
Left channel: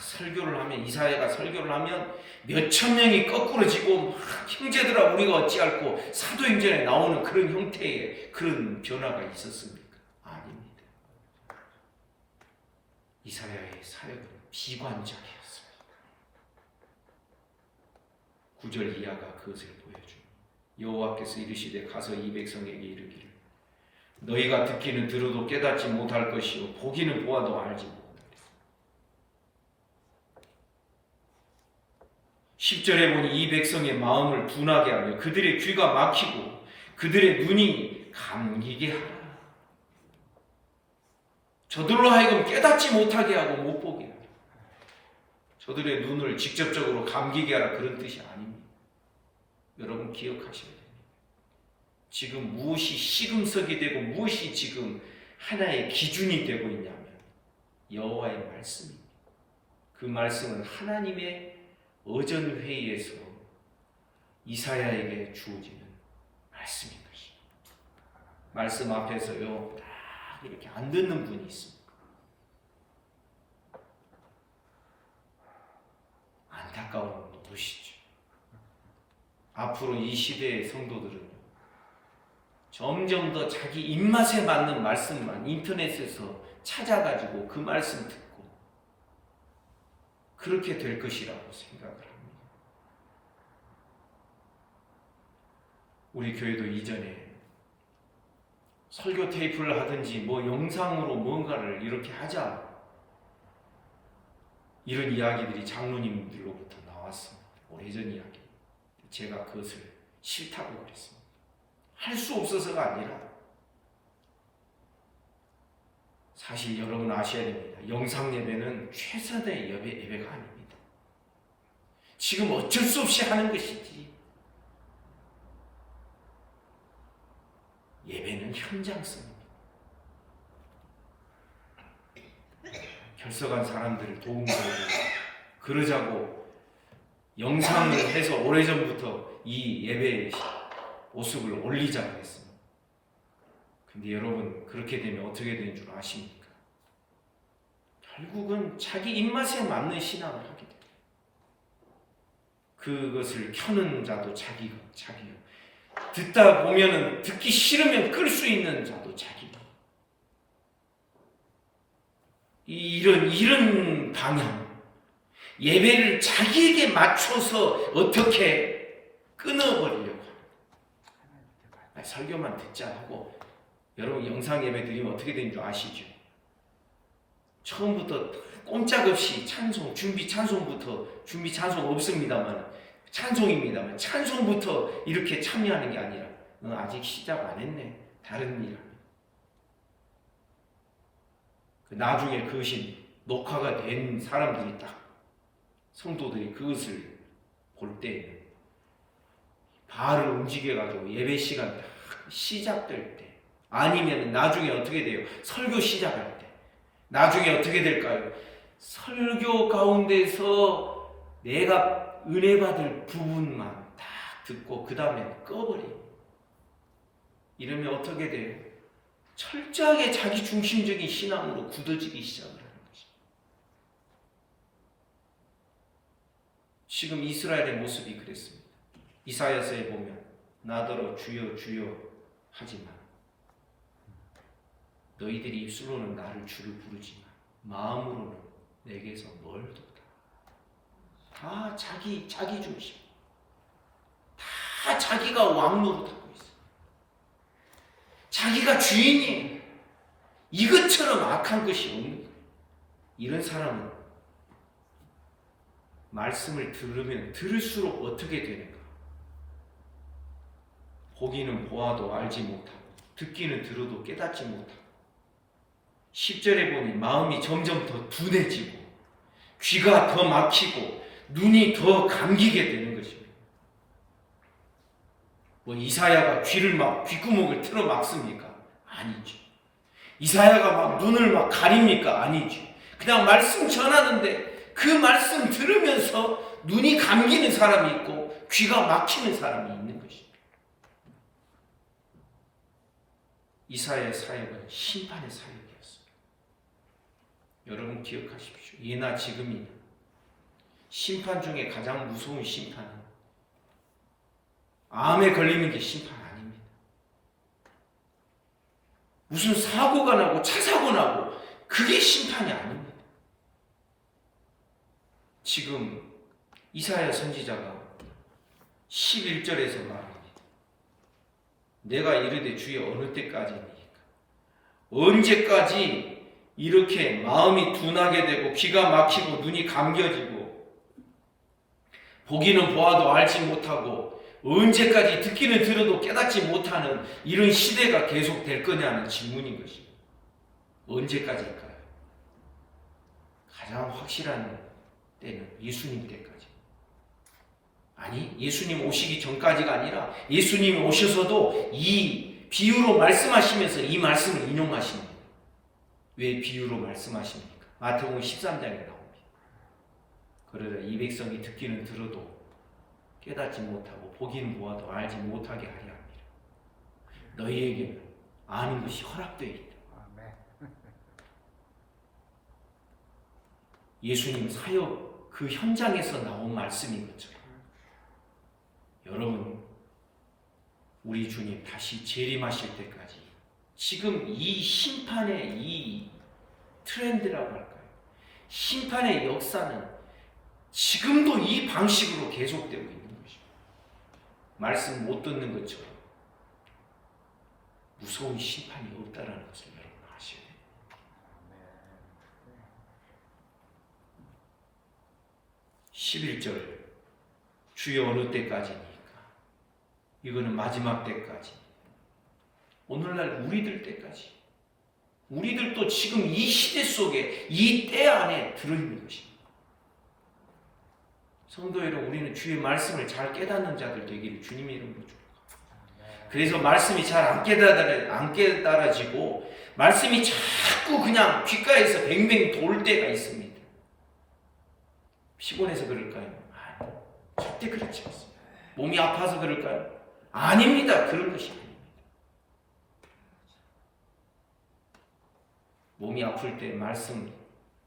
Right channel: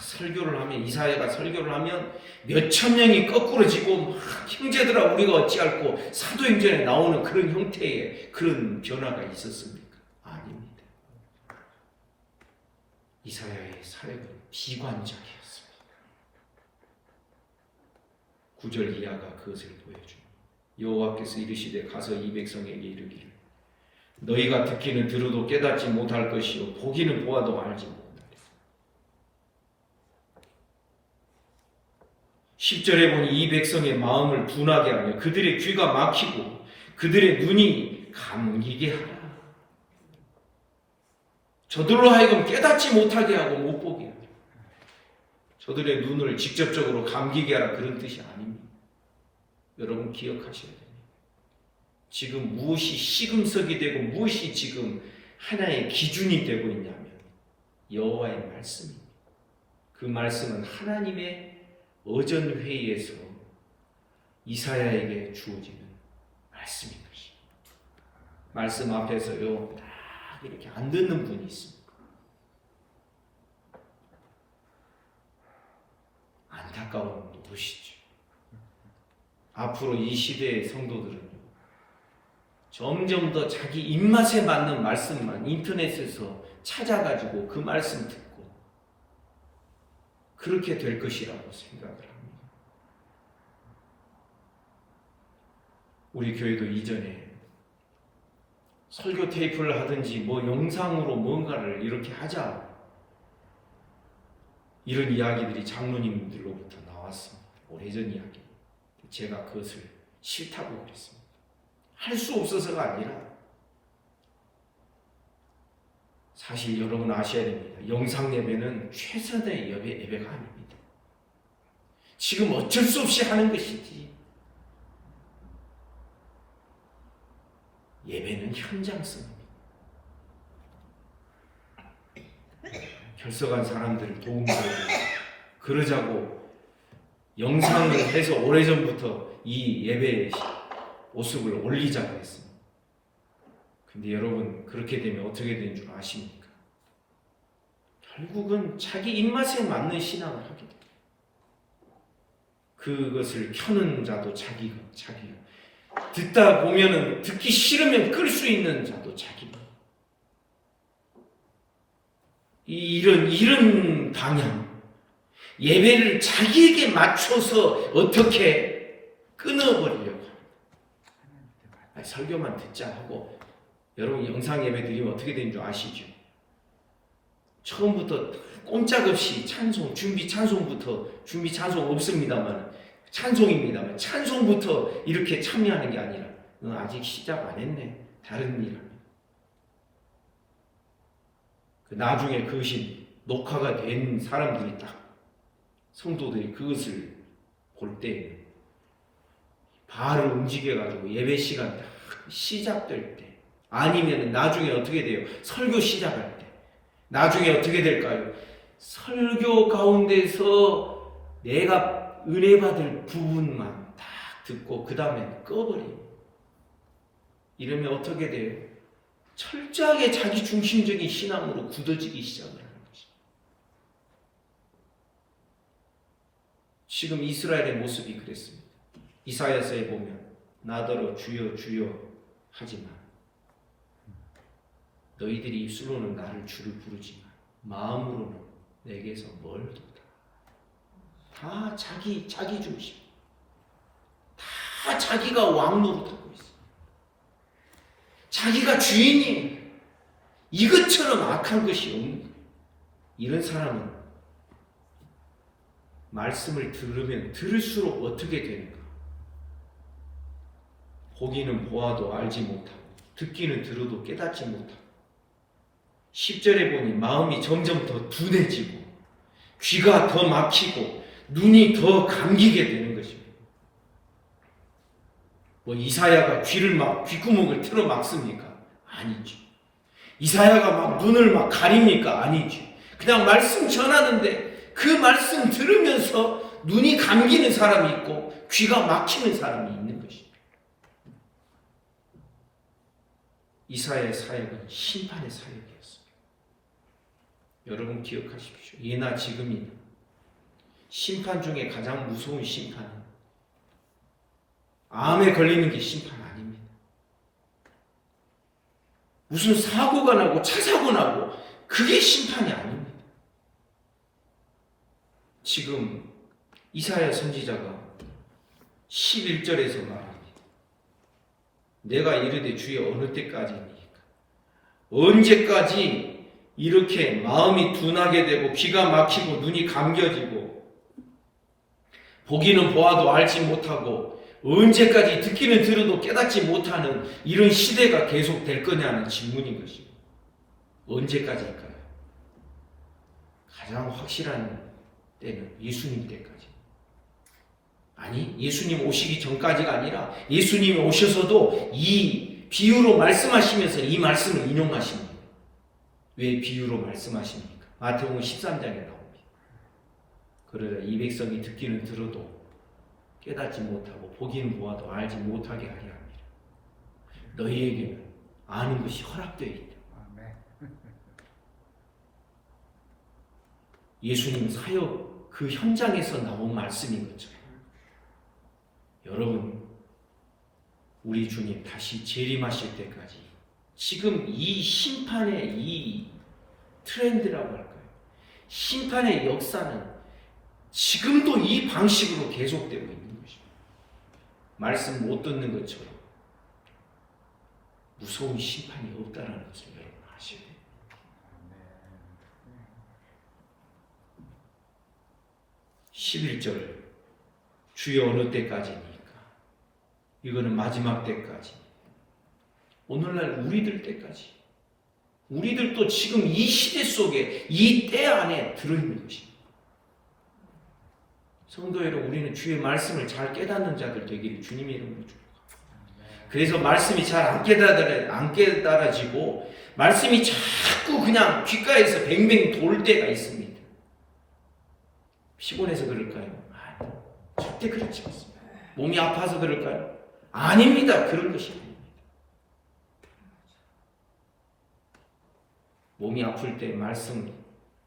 설교를 하면, 이사야가 설교를 하면 몇천 명이 거꾸로 지고 형제들아 우리가 어찌할꼬, 사도행전에 나오는 그런 형태의 그런 변화가 있었습니까? 아닙니다. 이사야의 사역은 비관적이었습니다. 9절 이하가 그것을 보여줍니다. 여호와께서 이르시되 가서 이 백성에게 이르기를 너희가 듣기는 들어도 깨닫지 못할 것이요 보기는 보아도 알지 못하리라. 10절에 보니 이 백성의 마음을 둔하게 하며 그들의 귀가 막히고 그들의 눈이 감기게 하라. 저들로 하여금 깨닫지 못하게 하고 못 보게 하라. 저들의 눈을 직접적으로 감기게 하라, 그런 뜻이 아닙니다. 여러분 기억하셔야 됩니다. 지금 무엇이 시금석이 되고 무엇이 지금 하나의 기준이 되고 있냐면 여호와의 말씀입니다. 그 말씀은 하나님의 어전회의에서 이사야에게 주어지는 말씀인 것입니다. 말씀 앞에서요 딱 이렇게 안 듣는 분이 있습니다. 안타까운 것이죠. 앞으로 이 시대의 성도들은 점점 더 자기 입맛에 맞는 말씀만 인터넷에서 찾아가지고 그 말씀 듣고 그렇게 될 것이라고 생각을 합니다. 우리 교회도 이전에 설교 테이프를 하든지 뭐 영상으로 뭔가를 이렇게 하자, 이런 이야기들이 장로님들로부터 나왔습니다. 오래전 이야기. 제가 그것을 싫다고 그랬습니다. 할 수 없어서가 아니라 사실 여러분 아셔야 됩니다. 영상 예배는 최선의 예배가 아닙니다. 지금 어쩔 수 없이 하는 것이지, 예배는 현장성입니다. 결석한 사람들을 도움받고 그러자고 영상을 해서 오래전부터 이 예배의 모습을 올리자고 했습니다. 근데 여러분 그렇게 되면 어떻게 되는 줄 아십니까? 결국은 자기 입맛에 맞는 신앙을 하게 됩니다. 그것을 켜는 자도 자기가 듣다 보면은 듣기 싫으면 끌 수 있는 자도 자기가. 이런 방향, 예배를 자기에게 맞춰서 어떻게 끊어버리려고 합니다. 설교만 듣자 하고, 여러분 영상 예배 드리면 어떻게 되는 줄 아시죠? 처음부터 꼼짝없이 찬송, 준비 찬송부터, 준비 찬송 없습니다만 찬송입니다만 찬송부터 이렇게 참여하는 게 아니라 너 아직 시작 안 했네, 다른 일. 나중에 그것이 녹화가 된 사람들이 딱, 성도들이 그것을 볼 때에는 발을 움직여가지고 예배 시간 딱 시작될 때, 아니면 나중에 어떻게 돼요? 설교 시작할 때 나중에 어떻게 될까요? 설교 가운데서 내가 은혜 받을 부분만 딱 듣고 그 다음에 꺼버리고, 이러면 어떻게 돼요? 철저하게 자기 중심적인 신앙으로 굳어지기 시작을 하는 것입니다. 지금 이스라엘의 모습이 그랬습니다. 이사야서에 보면 나더러 주여 주여 하지만 너희들이 입술로는 나를 주를 부르지만 마음으로는 내게서 멀도다. 다 자기 중심, 다 자기가 왕 노릇하고 있어요. 자기가 주인이에요. 이것처럼 악한 것이 없는 거예요. 이런 사람은 말씀을 들으면 들을수록 어떻게 되는가? 보기는 보아도 알지 못하고 듣기는 들어도 깨닫지 못하고, 10절에 보니 마음이 점점 더 둔해지고 귀가 더 막히고 눈이 더 감기게 되는 것입니다. 뭐 이사야가 귓구멍을 틀어 막습니까? 아니죠. 이사야가 막 눈을 막 가립니까? 아니죠. 그냥 말씀 전하는데 그 말씀 들으면서 눈이 감기는 사람이 있고 귀가 막히는 사람이 있는 것입니다. 이사야의 사역은 심판의 사역이었습니다. 여러분 기억하십시오. 예나 지금이나 심판 중에 가장 무서운 심판은 암에 걸리는 게 심판 아닙니다. 무슨 사고가 나고 차 사고 나고 그게 심판이 아닙니다. 지금 이사야 선지자가 11절에서 말합니다. 내가 이르되 주여 어느 때까지입니까? 언제까지 이렇게 마음이 둔하게 되고 귀가 막히고 눈이 감겨지고 보기는 보아도 알지 못하고 언제까지 듣기는 들어도 깨닫지 못하는 이런 시대가 계속될 거냐는 질문인 것입니다. 언제까지일까요? 가장 확실한 때는 예수님 때까지. 아니, 예수님 오시기 전까지가 아니라 예수님이 오셔서도 이 비유로 말씀하시면서 이 말씀을 인용하십니다. 왜 비유로 말씀하십니까? 마태복음 13장에 나옵니다. 그러자 이 백성이 듣기는 들어도 깨닫지 못하고 보기는 보아도 알지 못하게 하려 합니다. 너희에게는 아는 것이 허락되어 있다. 예수님 사역 그 현장에서 나온 말씀인 것처럼 여러분, 우리 주님 다시 재림하실 때까지 지금 이 심판의 이 트렌드라고 할까요? 심판의 역사는 지금도 이 방식으로 계속되고 있는 것입니다. 말씀 못 듣는 것처럼 무서운 심판이 없다는 것을 여러분 아셔야 돼요. 네. 11절 주여 어느 때까지입니까? 이거는 마지막 때까지. 오늘날 우리들 때까지. 우리들도 지금 이 시대 속에 이 때 안에 들어있는 것입니다. 성도 여러분, 우리는 주의 말씀을 잘 깨닫는 자들 되기를 주님의 이름으로 축복합니다. 그래서 말씀이 잘 안 깨달아지고 말씀이 자꾸 그냥 귓가에서 뱅뱅 돌 때가 있습니다. 피곤해서 그럴까요? 아니요. 절대 그렇지 않습니다. 몸이 아파서 그럴까요? 아닙니다. 그런 것이 아닙니다. 몸이 아플 때 말씀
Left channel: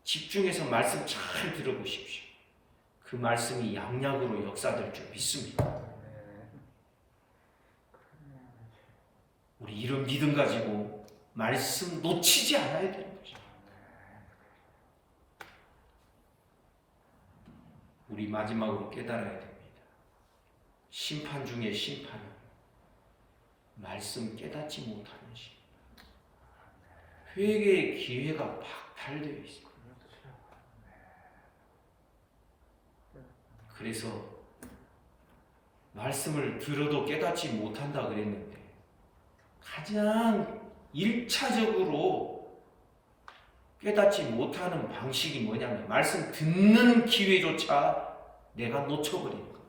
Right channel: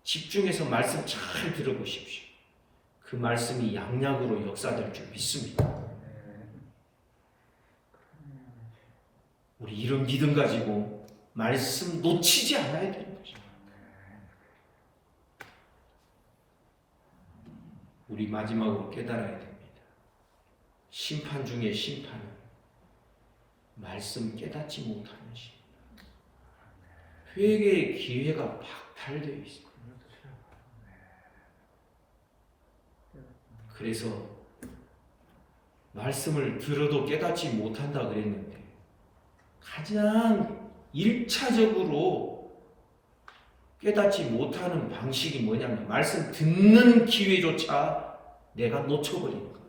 집중해서 말씀 잘 들어보십시오. 그 말씀이 양약으로 역사될 줄 믿습니다. 우리 이런 믿음 가지고 말씀 놓치지 않아야 되는 거죠. 우리 마지막으로 깨달아야 됩니다. 심판 중에 심판은 말씀 깨닫지 못하는 심. 회개의 기회가 박탈되어 있습니다. 그래서 말씀을 들어도 깨닫지 못한다 그랬는데 가장 1차적으로 깨닫지 못하는 방식이 뭐냐면 말씀 듣는 기회조차 내가 놓쳐버리는 거예요.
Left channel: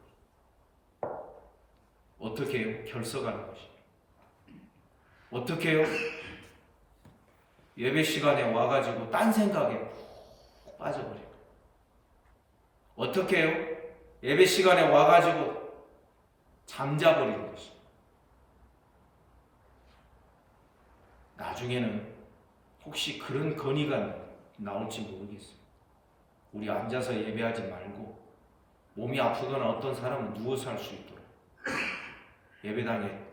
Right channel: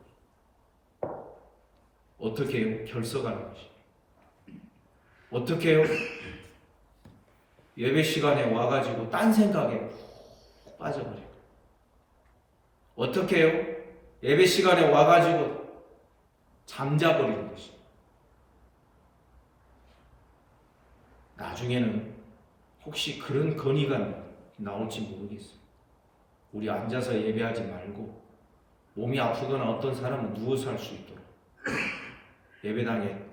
어떻게 해요? 결석하는 것이. 어떻게 해요? 예배 시간에 와가지고 딴 생각에 푹 빠져버려요. 어떻게 해요? 예배 시간에 와가지고 잠자버리는 것이. 나중에는 혹시 그런 건의가 나올지 모르겠어요. 우리 앉아서 예배하지 말고 몸이 아프거나 어떤 사람은 누워서 할 수 있도록 예배당에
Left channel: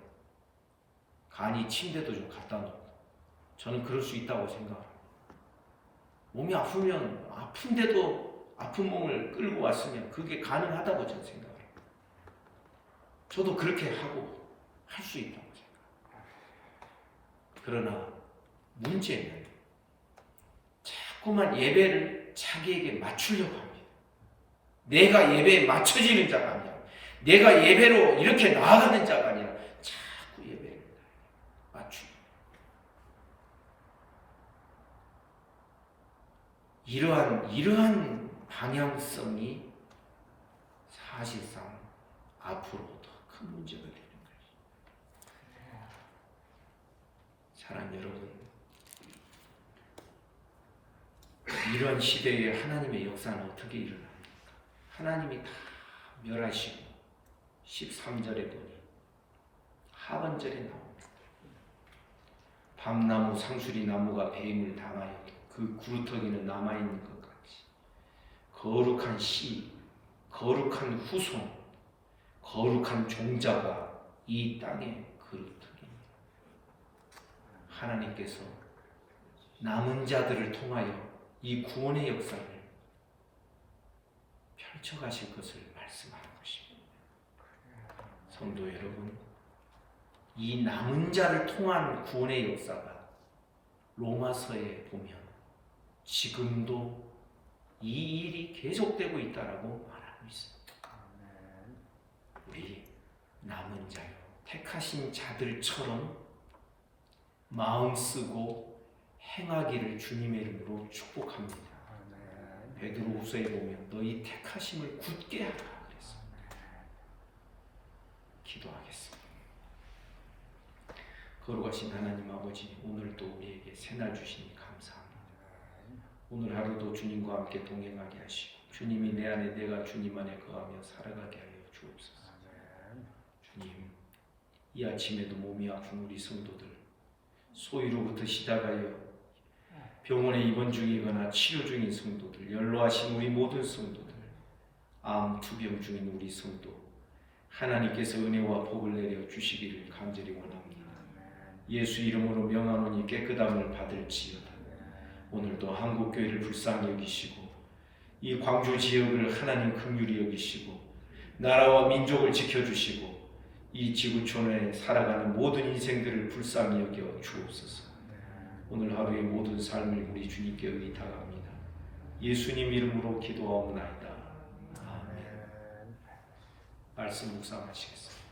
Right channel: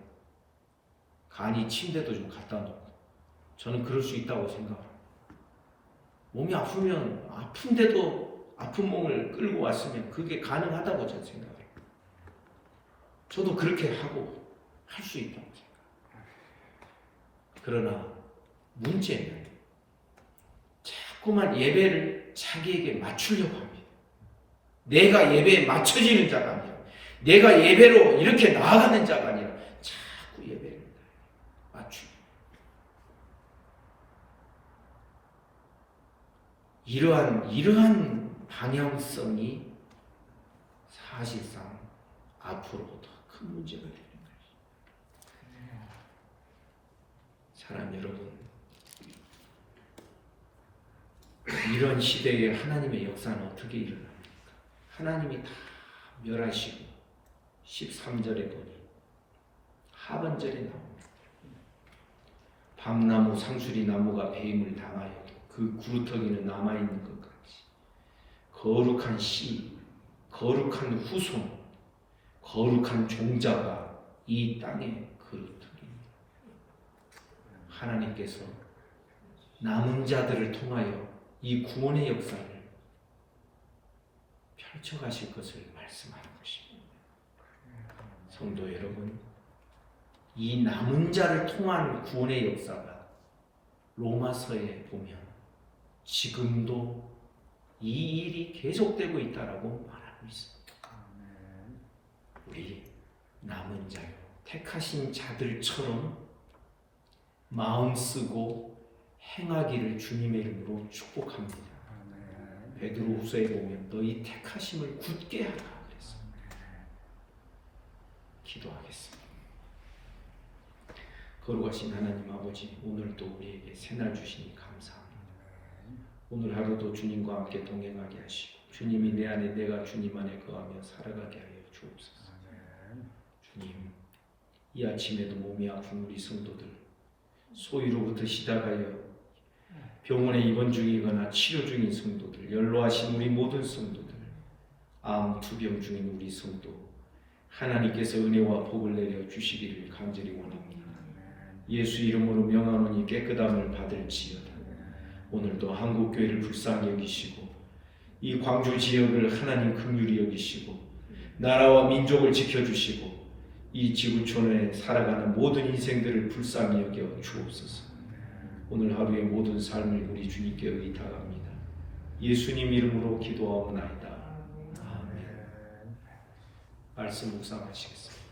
간이 침대도 좀 갖다 놓고 저는 그럴 수 있다고 생각합니다. 몸이 아프면 아픈데도 아픈 몸을 끌고 왔으면 그게 가능하다고 저는 생각해요. 저도 그렇게 하고 할 수 있다고 생각합니다. 그러나 문제는 자꾸만 예배를 자기에게 맞추려고 합니다. 내가 예배에 맞춰지는 자가 아니라 내가 예배로 이렇게 나아가는 자가 아니라 자꾸 예배를 맞추고 이러한 방향성이 사실상 앞으로 더 큰 문제가 되는 것입니다. 사랑 여러분, 이런 시대에 하나님의 역사는 어떻게 일어납니까? 하나님이 다 멸하시고 13절에 보니 하반절에 나옵니다. 밤나무 상수리 나무가 배임을 당하여도 그 구루터기는 남아있는 것 같이 거룩한 씨, 거룩한 후손, 거룩한 종자가 이 땅에 그루터기입니다. 하나님께서 남은 자들을 통하여 이 구원의 역사를 펼쳐가실 것을 말씀하는 것입니다. 성도 여러분, 이 남은 자를 통한 구원의 역사가 로마서에 보면 지금도 이 일이 계속되고 있다라고 말하고 있습니다. 우리 남은 자요, 택하신 자들처럼 마음 쓰고 행하기를 주님의 이름으로 축복합니다. 베드로후서에 보면 너희 택하심을 굳게 하라 그랬습니다. 기도하겠습니다. 거룩하신 하나님 아버지, 오늘도 우리에게 새날 주시니 감사합니다. 오늘 하루도 주님과 함께 동행하게 하시고 주님이 내 안에, 내가 주님 안에 거하며 살아가게 하여 주옵소서. 주님, 이 아침에도 몸이 아픈 우리 성도들, 소위로부터 시작하여 병원에 입원 중이거나 치료 중인 성도들, 연로하신 우리 모든 성도들, 암, 투병 중인 우리 성도, 하나님께서 은혜와 복을 내려 주시기를 간절히 원합니다. 예수 이름으로 명하노니 깨끗함을 받을지어다. 오늘도 한국교회를 불쌍히 여기시고 이 광주 지역을 하나님 긍휼히 여기시고 나라와 민족을 지켜주시고 이 지구촌에 살아가는 모든 인생들을 불쌍히 여겨 주옵소서. 오늘 하루의 모든 삶을 우리 주님께 의탁합니다. 예수님 이름으로 기도하옵나이다. 아멘. 말씀 묵상하시겠습니다.